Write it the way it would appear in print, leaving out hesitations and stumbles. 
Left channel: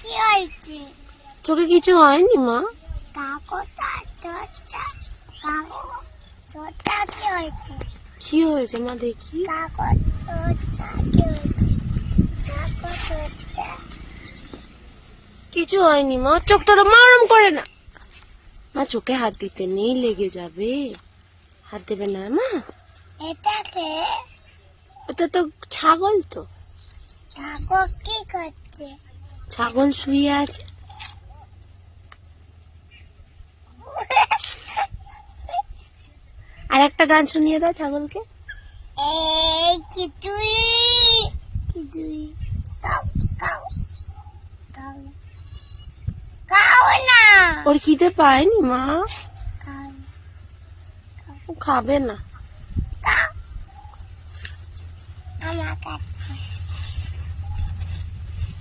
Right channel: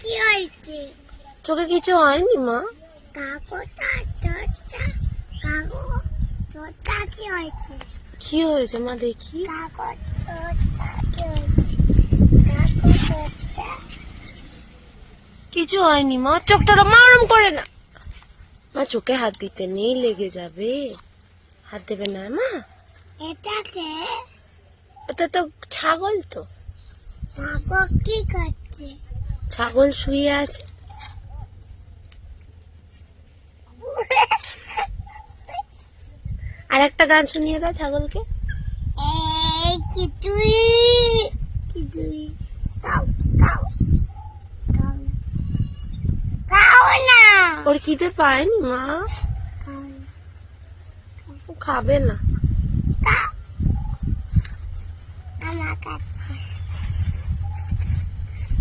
কি হয়েছে? চোখে কিছু হয়নি মা। কি হয়েছে? কি হয়েছে মা দেখি? কিছু হয়নি মা, চোখটা মারম করে না মা, চোখে হাত দিতে নেই, লেগে যাবে, হাত দেবে না মা। এটাকে ওটা তো ছাগল, তো ছাগল কি করছে? ছাগল শুয়ে আছে। আর একটা গান শুনিয়ে দাও ছাগলকে। এই কিছুই কিছুই কাউ কাউ কাউ কাউ না, ওর খিদে পায়নি মা, কাউ ও খাবে না। কাউ আমার কাছে